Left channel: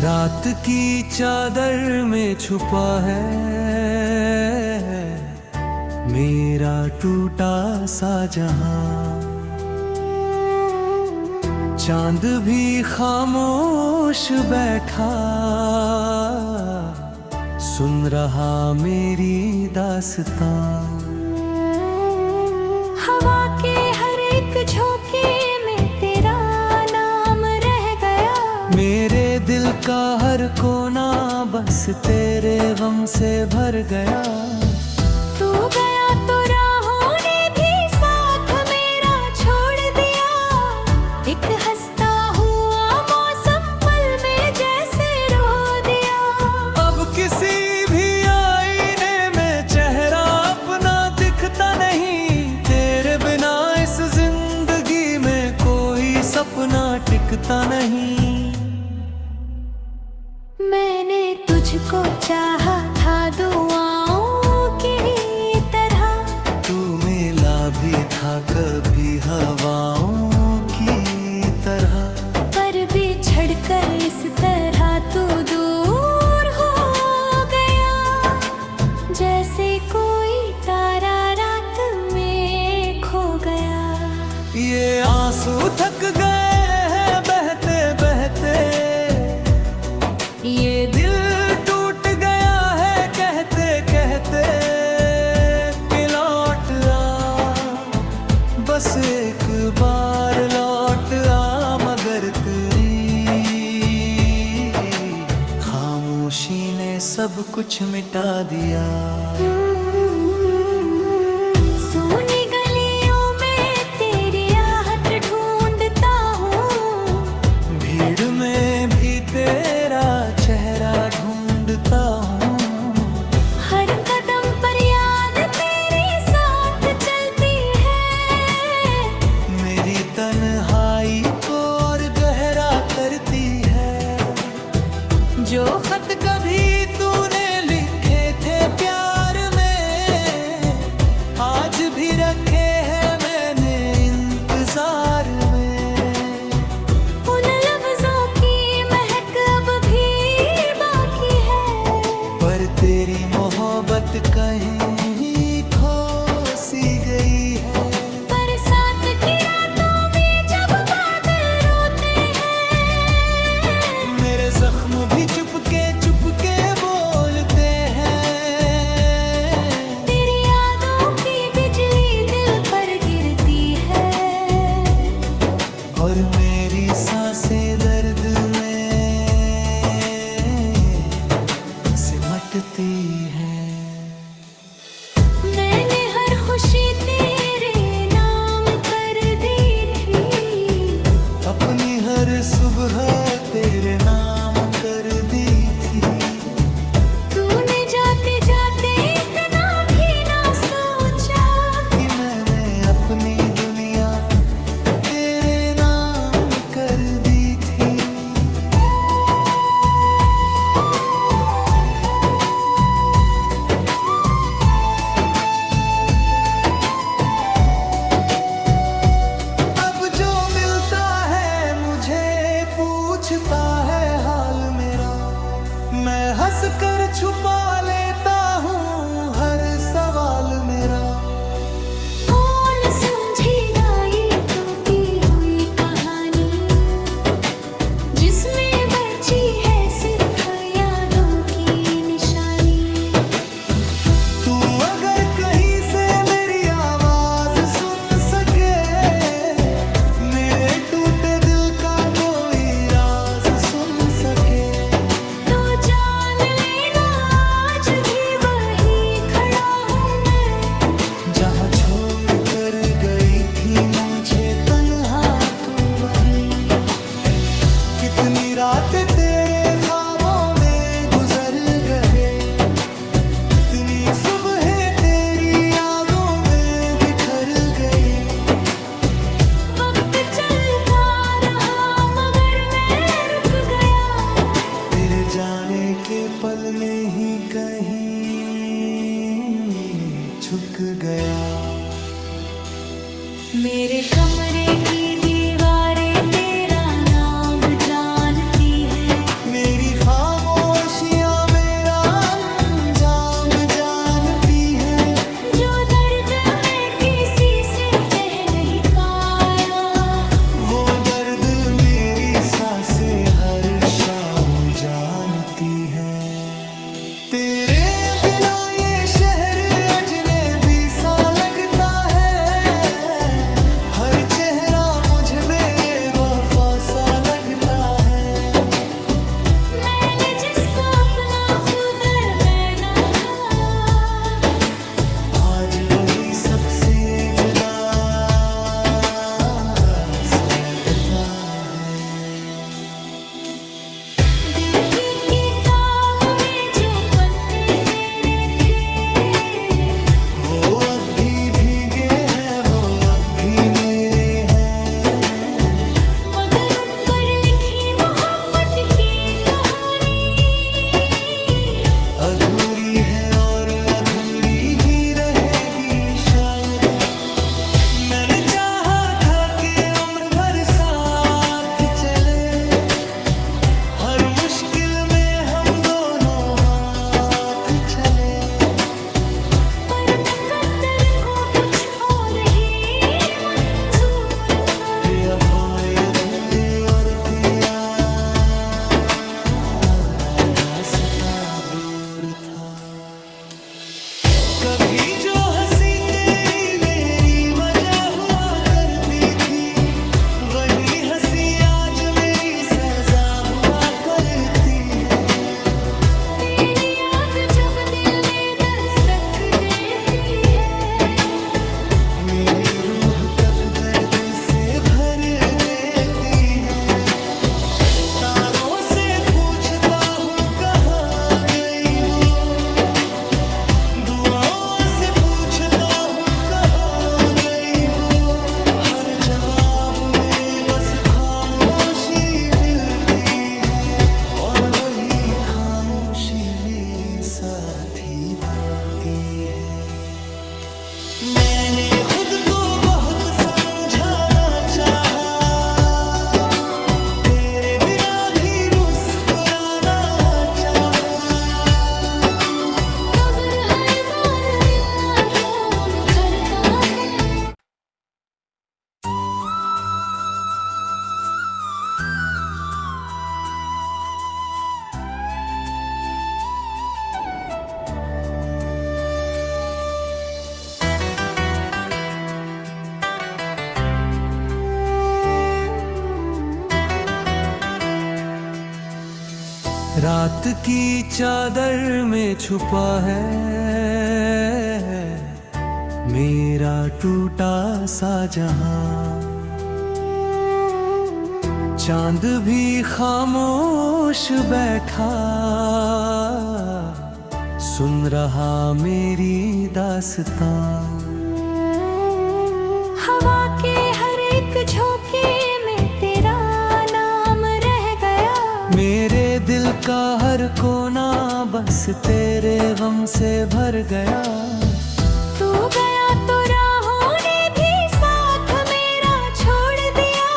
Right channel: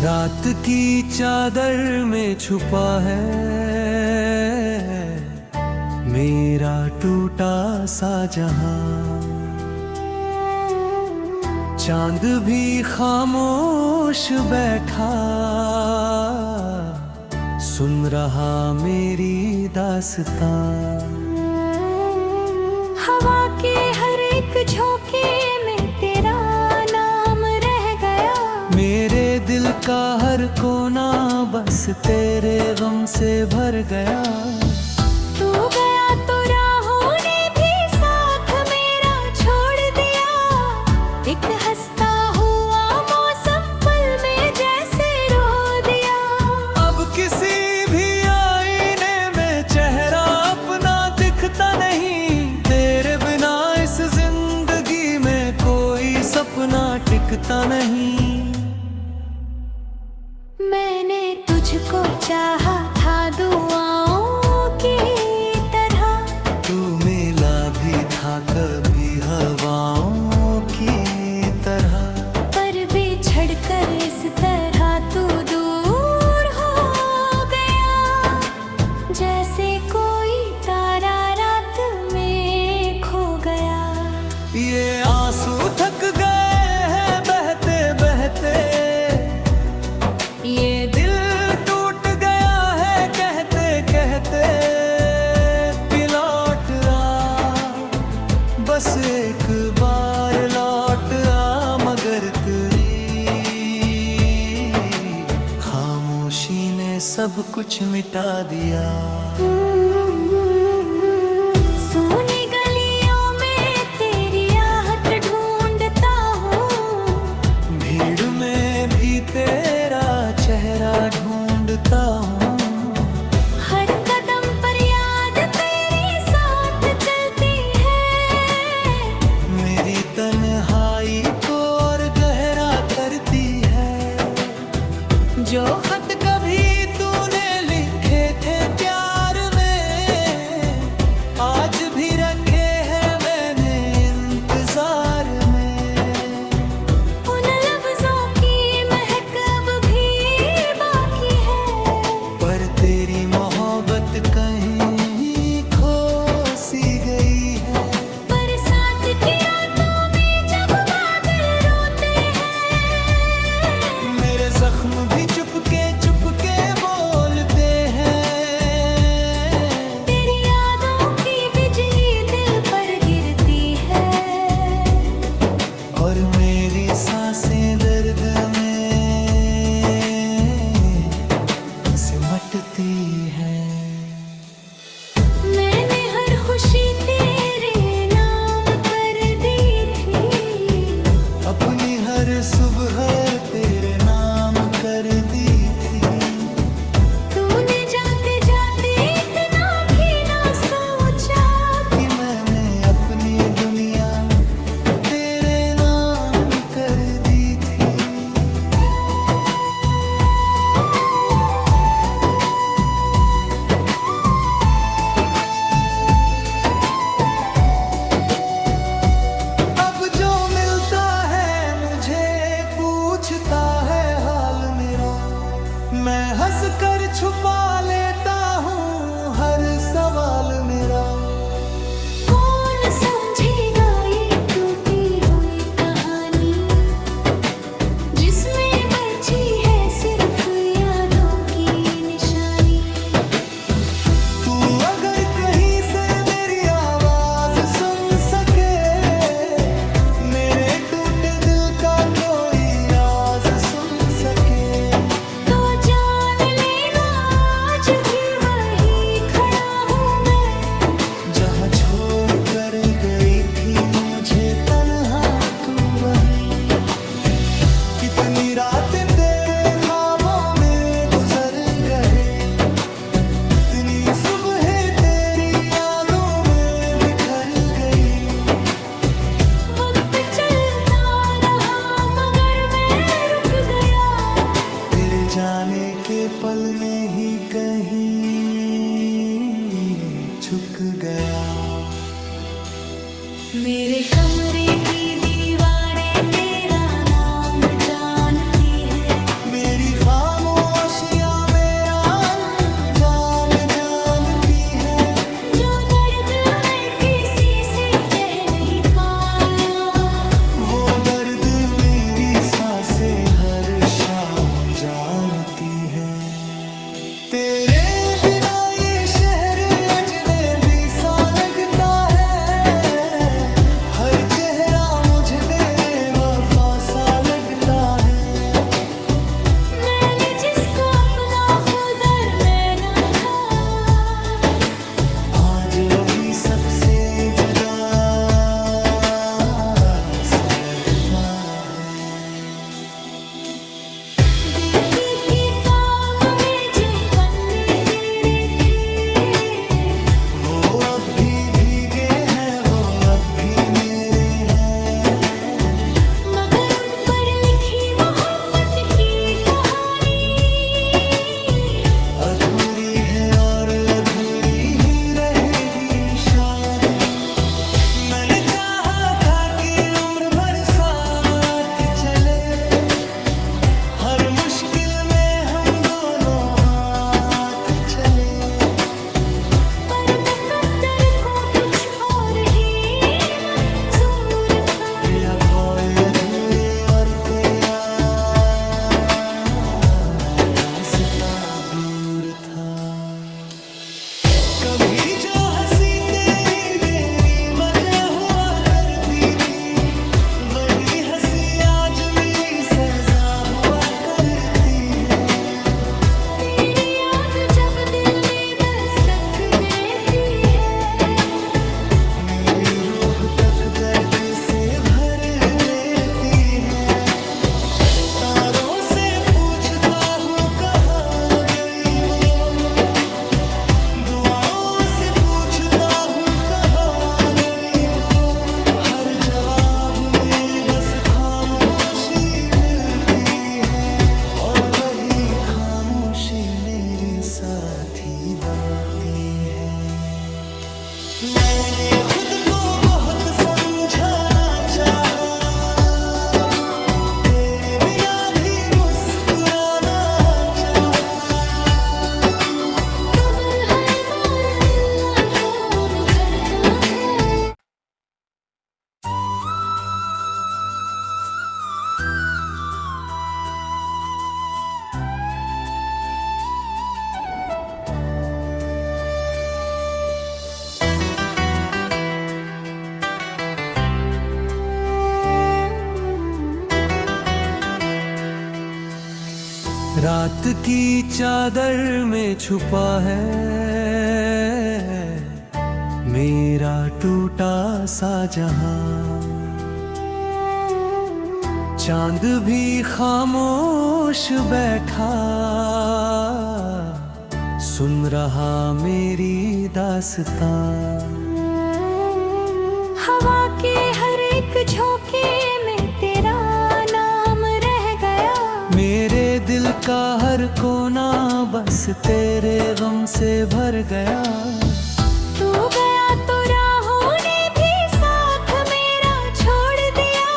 रात की चादर में छुपा है मेरा टूटा सा जहां। चांद भी खामोश बैठा सुन रहा मेरी दास्तां। हवा के हर एक झोंके में तेरा नाम रह गया। मेरे दिल का हर कोना बस तेरे गम से भर गया। तू गया तो राहों ने भी साथ मेरा छोड़ दिया। एक हंसता हुआ मौसम पल में जैसे रो दिया। अब किसी भी आईने में चेहरा अपना दिखता नहीं। तेरे बिना इस जिंदगी में कोई सपना टिकता नहीं। मैंने तुझको चाहा था दुआओं की तरह। तू मिला भी था कभी हवाओं की तरह। पर बिछड़ कर इस तरह तू दूर हो गया। जैसे कोई तारा रात में खो गया। ये आंसू थक गए हैं बहते बहते। ये दिल टूट गया है कहते कहते। लौट आ बस एक बार लौट आ मगर तेरी खामोशी ने सब कुछ मिटा दिया। सोनी गलियों में तेरी आहट ढूंढता हूँ। भीड़ में भी तेरा चेहरा ढूंढता हूँ। हर कदम पर याद तेरे साथ चलती है। मेरी तन्हाई को और गहरा करती है। जो खत कभी तूने लिखे थे प्यार में आज भी रखे हैं मैंने इंतजार में। उन लफ्जों की महक अब भी बाकी है। पर तेरी मोहब्बत कहीं खो सी गई है। बरसात की रातों में जब बादल रोते हैं। मेरे जख्म भी चुपके चुपके बोलते हैं। तेरी यादों की बिजली दिल पर गिरती है। और मेरी सांसें दर्द में सिमटती हैं। मैंने हर खुशी तेरे नाम कर दी थी। अपनी हर सुबह तेरे नाम कर दी थी। तूने जाते जाते इतना भी ना सोचा कि मैंने अपनी दुनिया तेरे नाम कर दी थी। अब जो मिलता है मुझे पूछता है हाल मेरा। मैं हंस कर छुपा लेता हूँ हर सवाल मेरा। कौन समझेगा ये टूटी हुई कहानी जिसमें बची है सिर्फ यादों की निशानी। तू अगर कहीं से मेरी आवाज सुन सके। मेरे टूटे दिल का कोई राज सुन सके। तो जान लेना आज भी वही खड़ा हूँ मैं। जहाँ छोड़ कर गई थी मुझे तन्हा तू वहीं। कितनी रातें तेरे ख्वाबों में गुजर गए। इतनी सुबह तेरी यादों में बिखर गई। वक्त चलता रहा मगर मैं रुक गया। तेरे जाने के पल में ही कहीं झुक गया। मेरे कमरे की दीवारें तेरा नाम जानती है। मेरी खामोशियां मेरा अंजाम जानती है। जो दर्द मैं किसी से कह नहीं पाया, वो दर्द मेरी सांसें हर शाम जानती है। तेरे बिना ये शहर अजनबी सा लगता है, हर चेहरा मुझे बेवफा सा लगता है। मैंने जिसको अपना खुद अरमाना था, आज वही सबसे जुदा सा लगता है। दिल की किताब में जो पन्ने तेरे थे, वो अब भी भीगे हैं, वो अब भी मेरे हैं। मगर उन पर लिखी मोहब्बत की कहानी अधूरी है और अधूरी ही रहेगी शायद। मैंने चाहा था कि उम्र भर साथ चले, हर मुश्किल में हम दोनों हाथ चले। पर मुकद्दर को कुछ और ही मंजूर था। रे अब और अधूरे और तेरा रास्ता दूर था। कभी जो हंसी तेरी मेरी वजह हुआ करती थी, वही हंसी आज मेरी सजा हुआ करती है। तेरी याद जब दिल में दस्तक देती है, मेरी रूह तक दर्द से भर देती है। तारों से पूछता हूँ कहाँ गई वो, दुआओं से पूछता हूँ कहाँ गई वो। हर जवाब में बस खामोशी मिलती है, और वही खामोशी मेरी साथी बनती है। मैंने खुद को बहुत समझाना चाहा, तेरे बिना भी मुस्कुराना चाहा। खबर हर बार मिलना रोम करता है। रात की चादर में छुपा है मेरा टूटा सा जहां। चांद भी खामोश बैठा सुन रहा मेरी दास्तां। हवा के हर एक झोंके में तेरा नाम रह गया। मेरे दिल का हर कोना बस तेरे गम से भर गया। तू गया तो राहों ने भी साथ मेरा छोड़ दिया।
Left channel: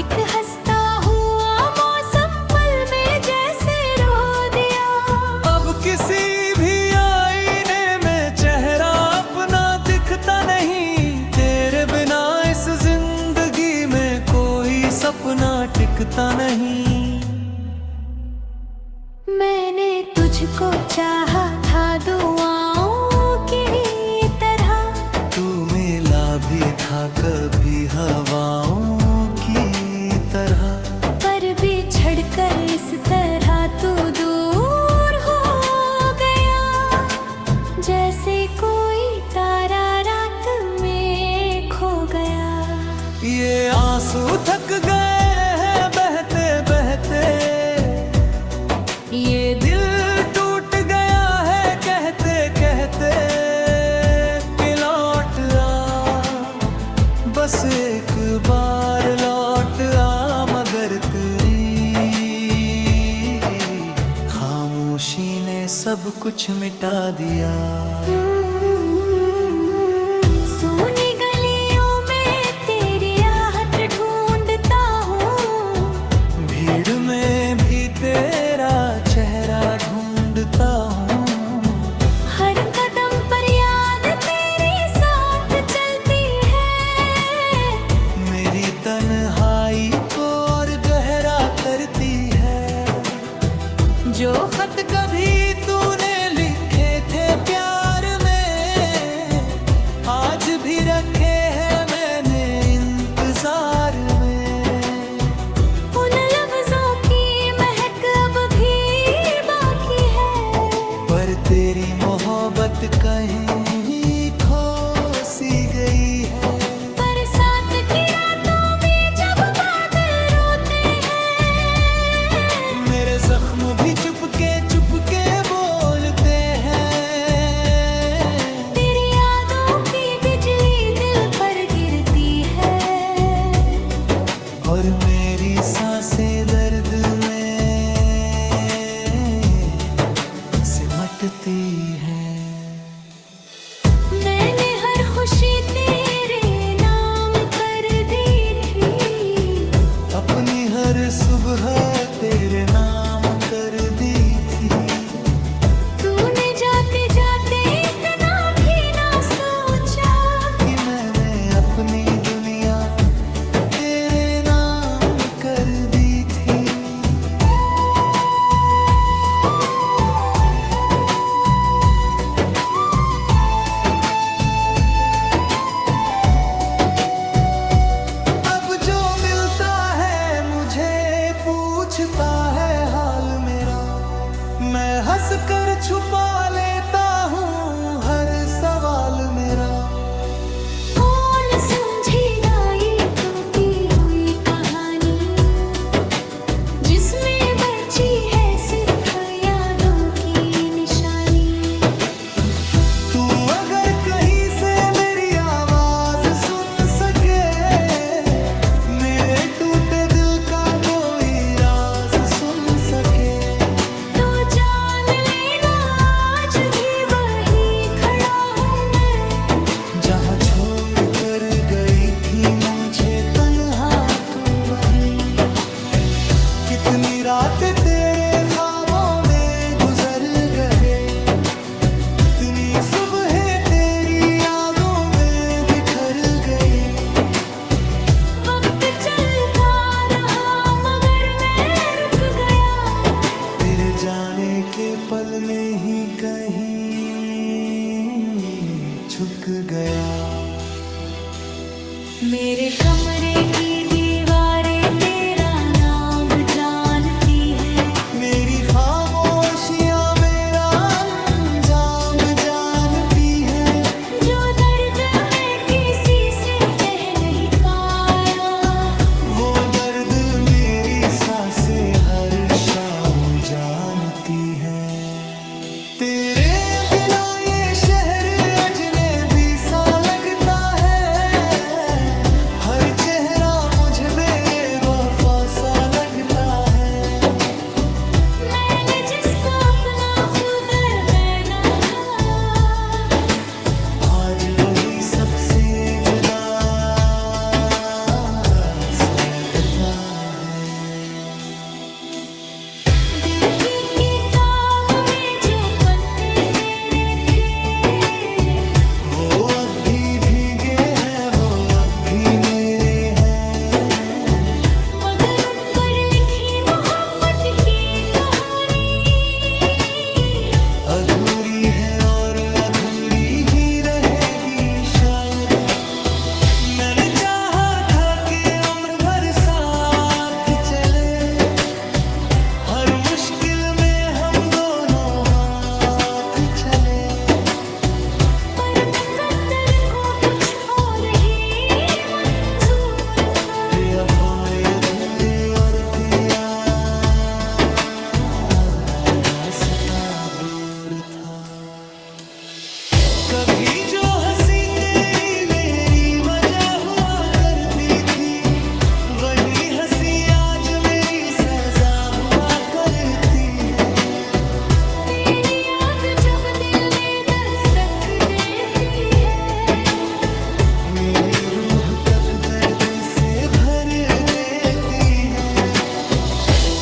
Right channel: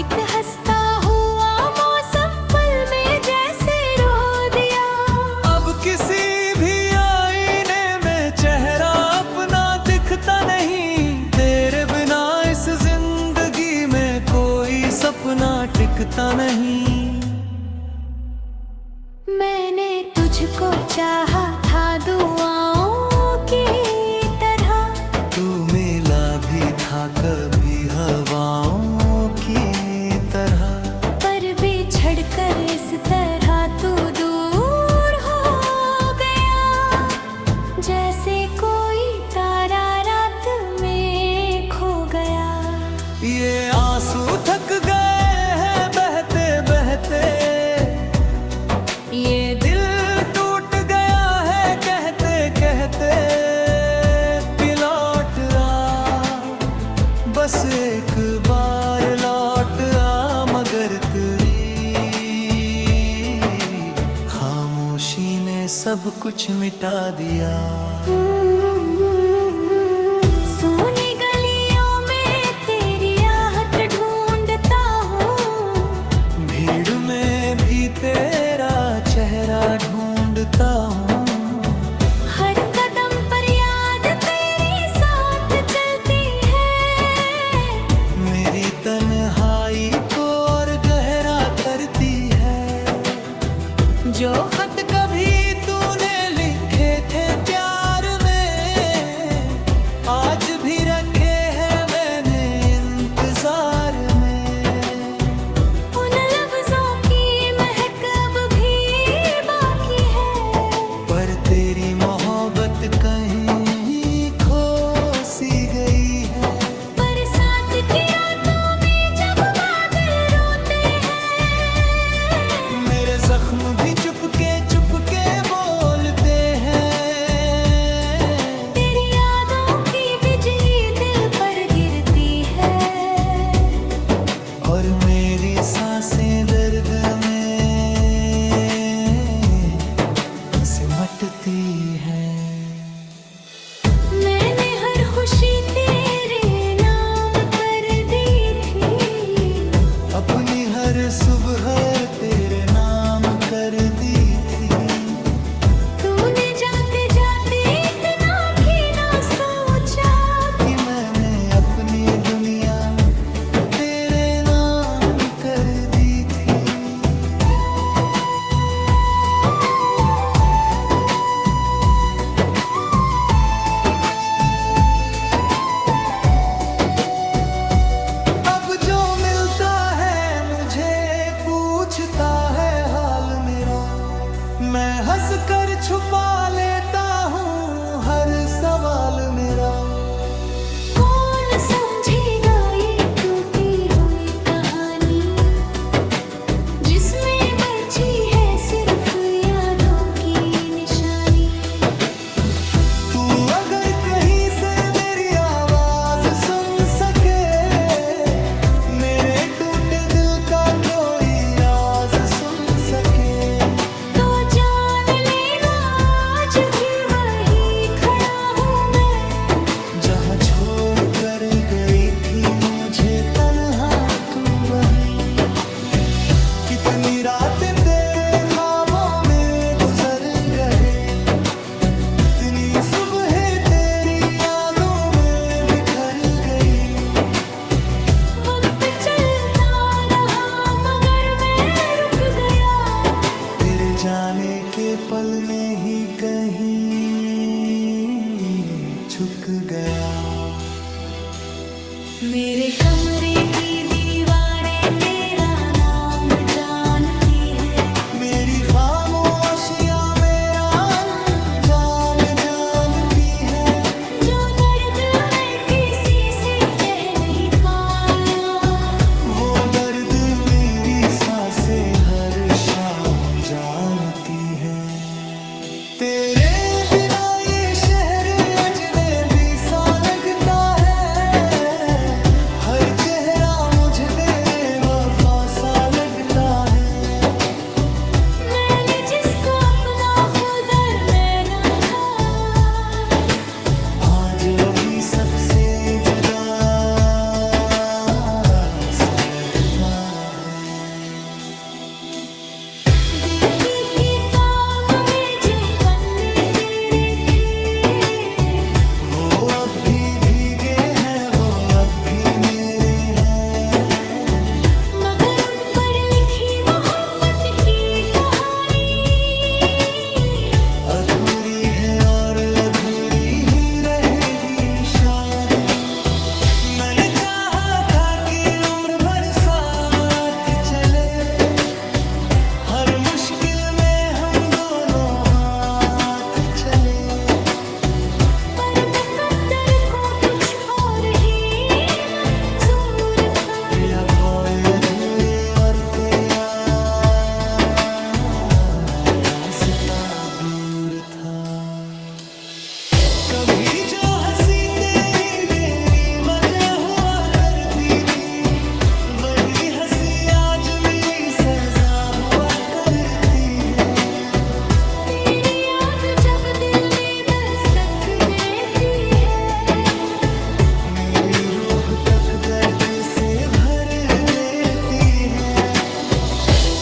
एक हंसता हुआ मौसम पल में जैसे रो दिया। अब किसी भी आईने में चेहरा अपना दिखता नहीं, तेरे बिना इस जिंदगी में कोई सपना टिकता नहीं। मैंने तुझको चाहा था दुआओं की तरह, तू मिला भी था कभी हवाओं की तरह। पर बिछड़ कर इस तरह तू दूर हो गया। जैसे कोई तारा रात में खो गया। ये आंसू थक गए हैं बहते बहते, ये दिल टूट गया है कहते कहते। लौट आ बस एक बार लौट आ, मगर तेरी खामोशी ने सब कुछ मिटा दिया। सोनी गलियों में तेरी आहट ढूंढता हूँ, भीड़ में भी तेरे जो खत कभी तूने लिखे थे प्यार में, आज भी रखे हैं मैंने इंतजार में। उन लफ्जों की महक अब भी बाकी है, पर तेरी मोहब्बत कहीं खो सी गई है। बरसात की रातों में जब बादल रोते हैं, मेरे जख्म भी चुपके चुपके बोलते हैं। तेरी यादों की बिजली दिल पर गिरती है, और मेरी सांसें दर्द में सिमटती है। मैंने हर खुशी तेरे नाम कर दी थी, अपनी हर सुबह तेरे नाम कर दी थी। तूने जाते जाते इतना भी ना सोचा कि मैंने अपनी दुनिया तेरे नाम कर दी थी। अब जो मिलता है मुझे पूछता है हाल मेरा, मैं हंस कर छुपा लेता हूँ हर सवाल मेरा। कौन समझेगा ये टूटी हुई कहानी, जिसमें बची है सिर्फ यादों की निशानी। तू अगर कहीं से मेरी आवाज सुन सके, मेरे टूटे दिल का कोई राज सुन सके, तो जान लेना आज भी वही खड़ा हूँ मैं, जहाँ छोड़ कर गई थी मुझे तन्हा तू वही। कितनी रातें तेरे ख्वाबों में गुजर गए, इतनी सुबह तेरी यादों में बिखर गई। वक्त चलता रहा मगर मैं रुक गया, तेरे जाने के पल में ही कहीं झुक गया। मेरे कमरे की दीवारें तेरा नाम जानती है, मेरी खामोशियां मेरा अंजाम जानती है। जो दर्द मैं किसी से कह नहीं पाया, वो दर्द मेरी सांसें हर शाम जानती है। तेरे बिना ये शहर अजनबी सा लगता है, हर चेहरा मुझे बेवफा सा लगता है। मैंने जिसको अपना खुद अरमाना था, आज वही सबसे जुदा सा लगता है। दिल की किताब में जो पन्ने तेरे थे, वो अब भी भीगे हैं, वो अब भी मेरे हैं। मगर उन पर लिखी मोहब्बत की कहानी अधूरी है और अधूरी ही रहेगी शायद। मैंने चाहा था कि उम्र भर साथ चले, हर मुश्किल में हम दोनों हाथ चले। पर मुकद्दर को कुछ और ही मंजूर था, रे अब और अधूरे और तेरा रास्ता दूर था। कभी जो हंसी तेरी मेरी वजह हुआ करती थी, वही हंसी आज मेरी सजा हुआ करती है। तेरी याद जब दिल में दस्तक देती है, मेरी रूह तक दर्द से भर देती है।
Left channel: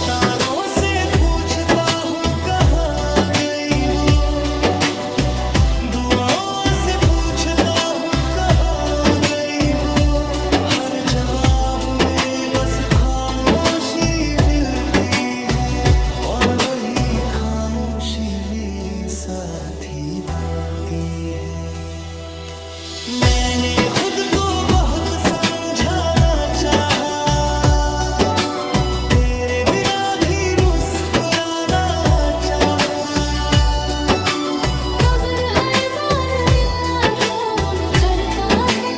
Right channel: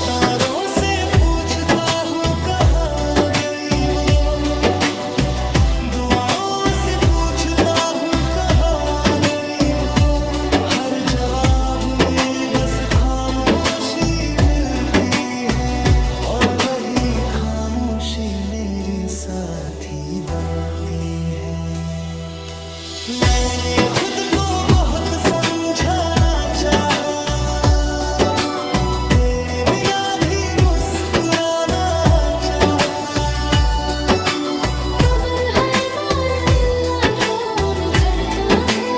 तारों से पूछता हूँ कहाँ गई वो, दुआओं से पूछता हूँ कहाँ गई वो। हर जवाब में बस खामोशी मिलती है, और और वही खामोशी मेरी साथी बनती है। मैंने खुद को बहुत समझाना चाहा, तेरे बिना भी मुस्कुराना चाहा, खबर हर बार मिलना जो में चलता है।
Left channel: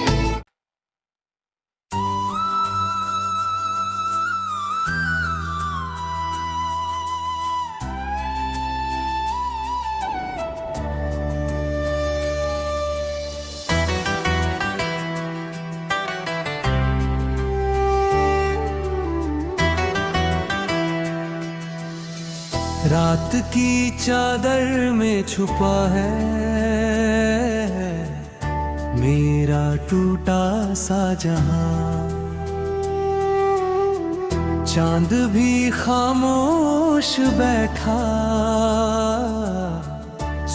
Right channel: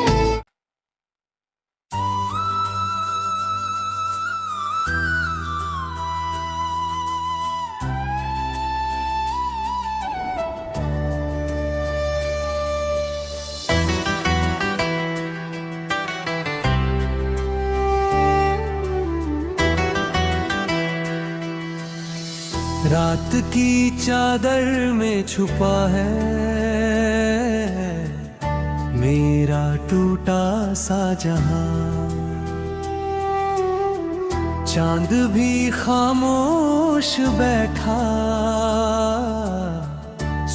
रात की चादर में छुपा है मेरा टूटा सा जहां। चांद भी खामोश बैठा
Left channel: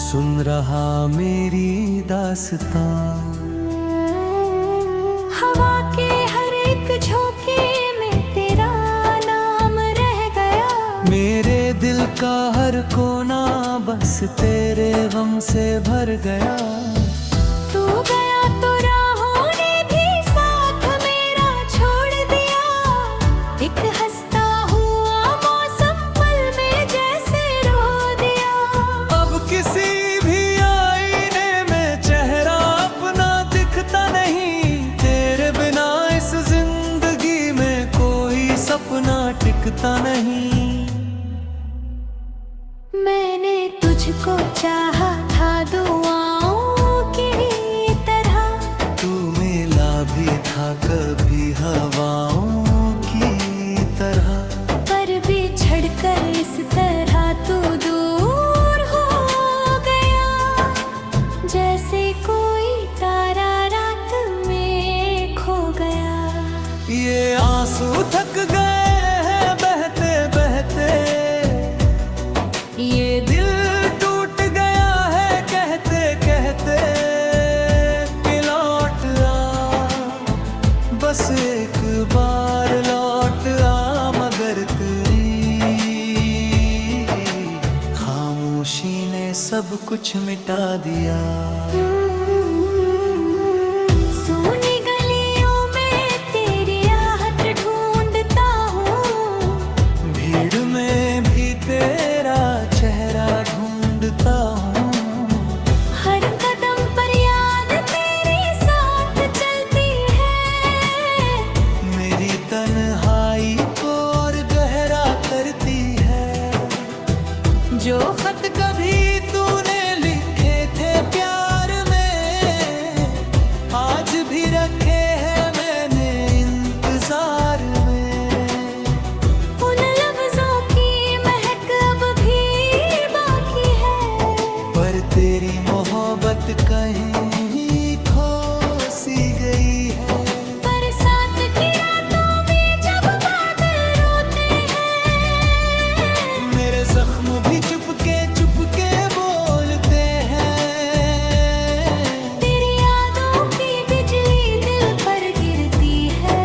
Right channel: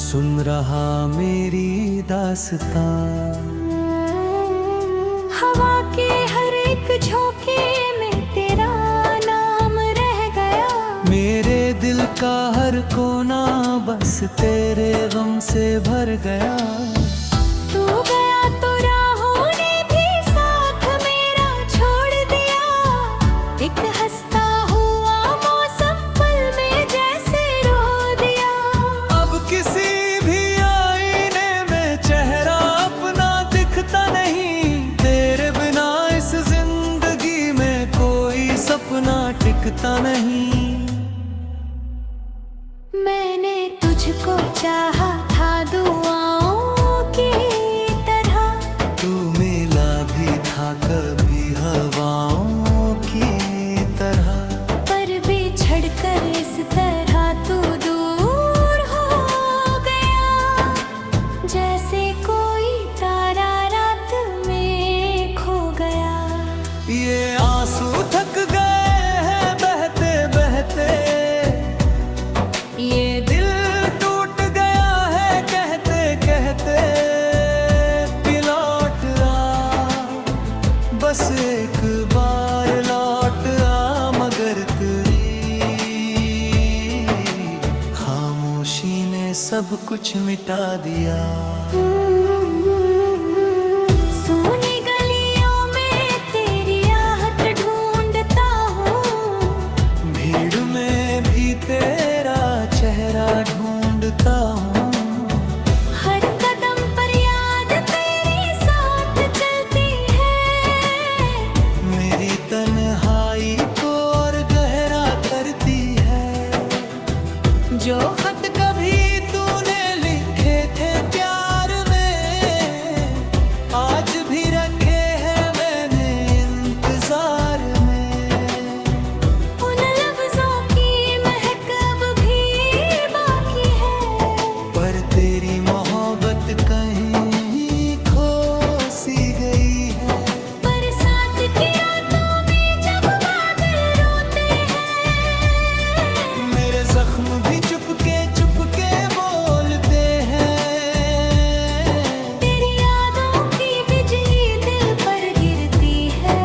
सुन रहा मेरी दास्तां। हवा के हर एक झोंके में तेरा नाम रह गया। मेरे दिल का हर कोना बस तेरे गम से भर गया। तू गया तो राहों ने भी साथ मेरा छोड़ दिया। एक हंसता हुआ मौसम पल में जैसे रो दिया। अब किसी भी आईने में चेहरा अपना दिखता नहीं। तेरे बिना इस जिंदगी में कोई सपना टिकता नहीं। मैंने तुझको चाहा था दुआओं की तरह। तू मिला भी था कभी हवाओं की तरह। पर बिछड़ कर इस तरह तू दूर हो गया। जैसे कोई तारा रात में खो गया। ये आंसू थक गए हैं बहते बहते। ये दिल टूट गया है कहते कहते कि लौट आ, बस एक बार लौट आ। मगर तेरी खामोशी ने सब कुछ मिटा दिया। सोनी गलियों में तेरी आहट ढूंढता हूँ। भीड़ में भी तेरा चेहरा ढूंढता हूँ। हर कदम पर याद तेरे साथ चलती है। मेरी तन्हाई को और गहरा करती है। जो खत कभी तूने लिखे थे प्यार में आज भी रखे हैं मैंने इंतजार में। उन लफ्जों की महक अब भी बाकी है। पर तेरी मोहब्बत कहीं खो सी गई है। बरसात की रातों में जब बादल रोते हैं। मेरे जख्म भी चुपके चुपके बोलते हैं। तेरी यादों की बिजली दिल पर गिरती है।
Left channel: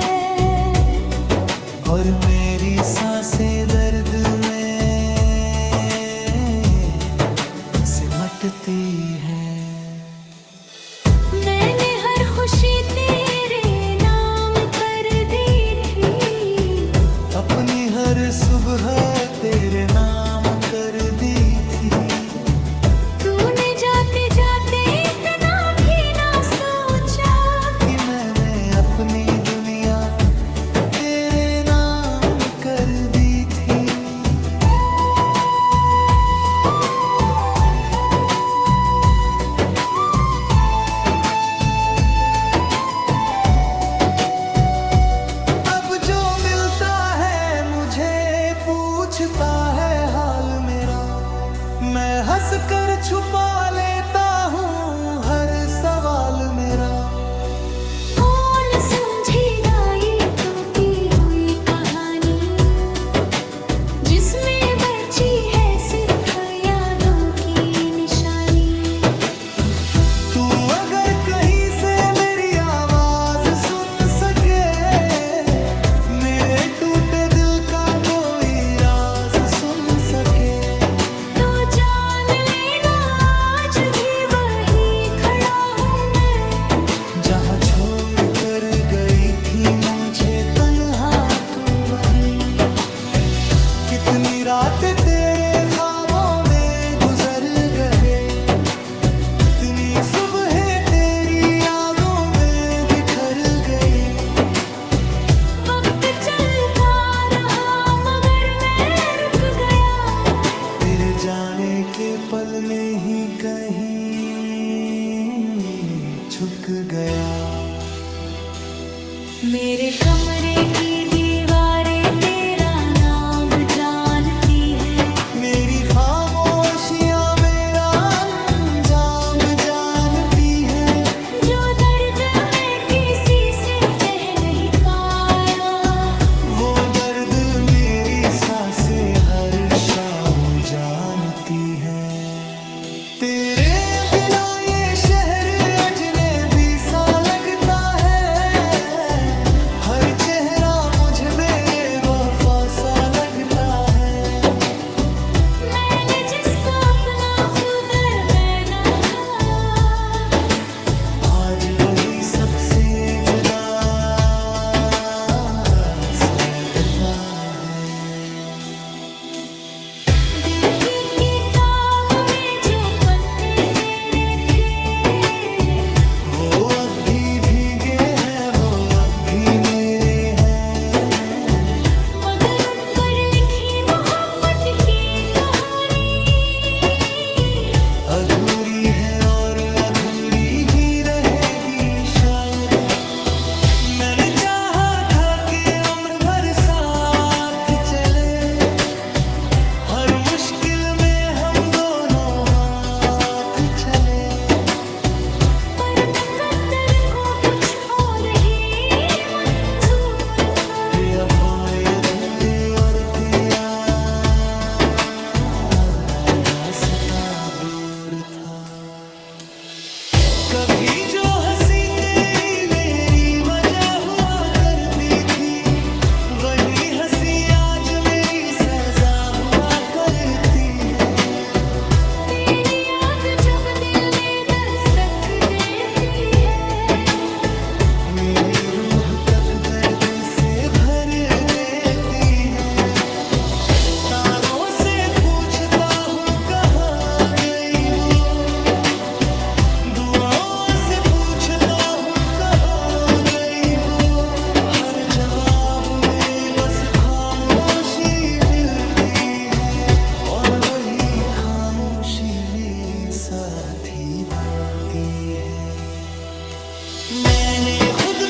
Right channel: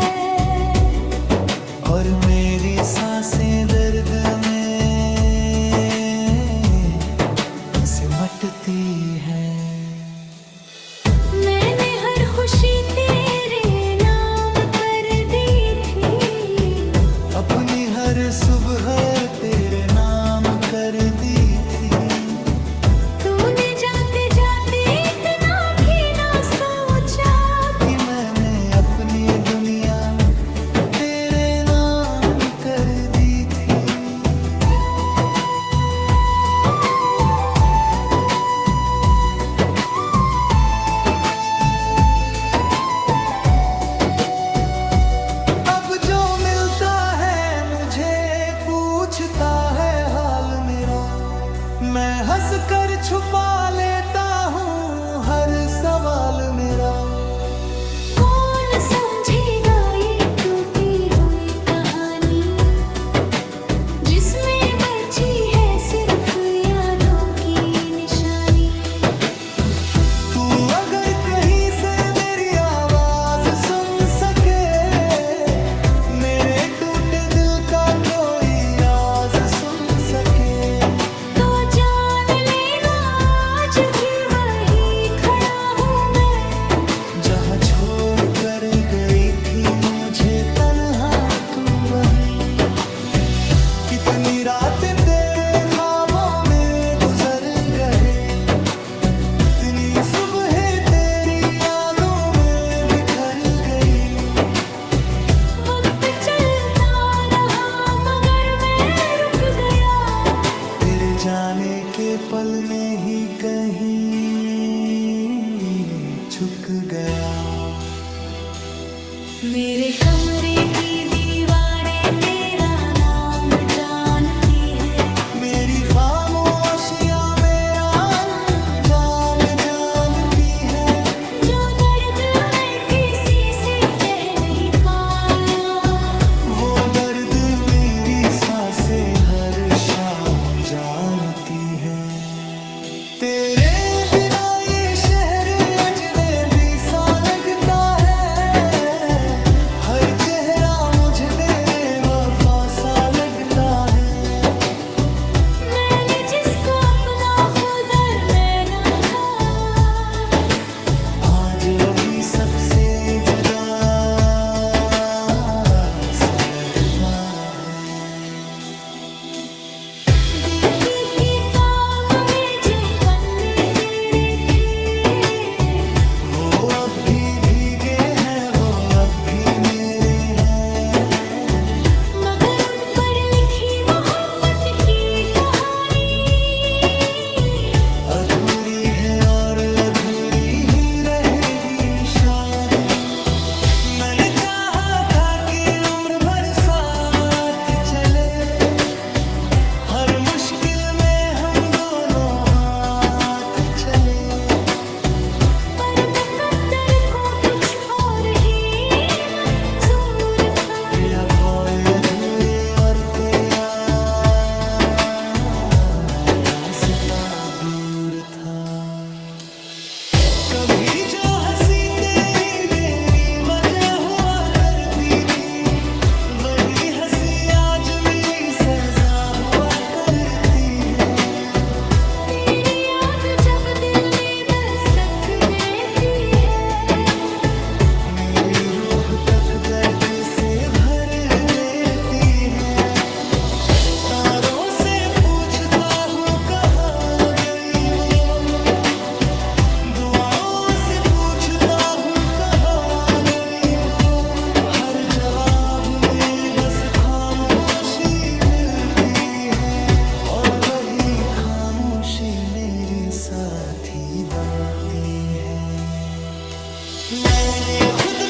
और मेरी सांसें दर्द में सिमटती हैं। मैंने हर खुशी तेरे नाम कर दी थी। अपनी हर सुबह तेरे नाम कर दी थी। तूने जाते जाते इतना भी ना सोचा कि मैंने अपनी दुनिया तेरे नाम कर दी थी। अब जो मिलता है मुझे पूछता है हाल मेरा। मैं हंस कर छुपा लेता हूँ हर सवाल मेरा। कौन समझेगा ये टूटी हुई कहानी जिसमें बची है सिर्फ यादों की निशानी। तू अगर कहीं से मेरी आवाज सुन सके, मेरे टूटे दिल का कोई राज सुन सके, कर गई थी मुझे तन्हा तू वहीं। कितनी रातें तेरे ख्वाबों में गुजर गए, इतनी सुबह तेरी यादों में बिखर गई। वक्त चलता रहा मगर मैं रुक गया, तेरे जाने के पल में ही कहीं झुक गया। मेरे कमरे की दीवारें तेरा नाम जानती है, मेरी खामोशियां मेरा अंजाम जानती है। जो दर्द मैं किसी से कह नहीं पाया, वो दर्द मेरी सांसें हर शाम जानती है। तेरे बिना ये शहर अजनबी सा लगता है, हर चेहरा मुझे बेवफा सा लगता है। मैंने जिसको अपना खुद अरमाना था, आज वही सबसे जुदा सा लगता है। दिल की किताब में जो पन्ने तेरे थे, वो अब भी भीगे हैं, वो अब भी मेरे हैं। मगर उन पर लिखी मोहब्बत की कहानी अधूरी है और अधूरी ही रहेगी शायद। मैंने चाहा था कि उम्र भर साथ चले, हर मुश्किल में हम दोनों हाथ चले। पर मुकद्दर को कुछ और ही मंजूर था। ये अब और अधूरे और तेरा रास्ता दूर था। कभी जो हंसी तेरी मेरी वजह हुआ करती थी, वही हंसी आज मेरी सजा हुआ करती है। तेरी याद जब दिल में दस्तक देती है, मेरी रूह तक दर्द से भर देती है। तारों से पूछता हूँ कहाँ गई वो, दुआओं से पूछता हूँ कहाँ गई वो। हर जवाब में बस खामोशी मिलती है, और वही खामोशी मेरी साथी बनती है। मैंने खुद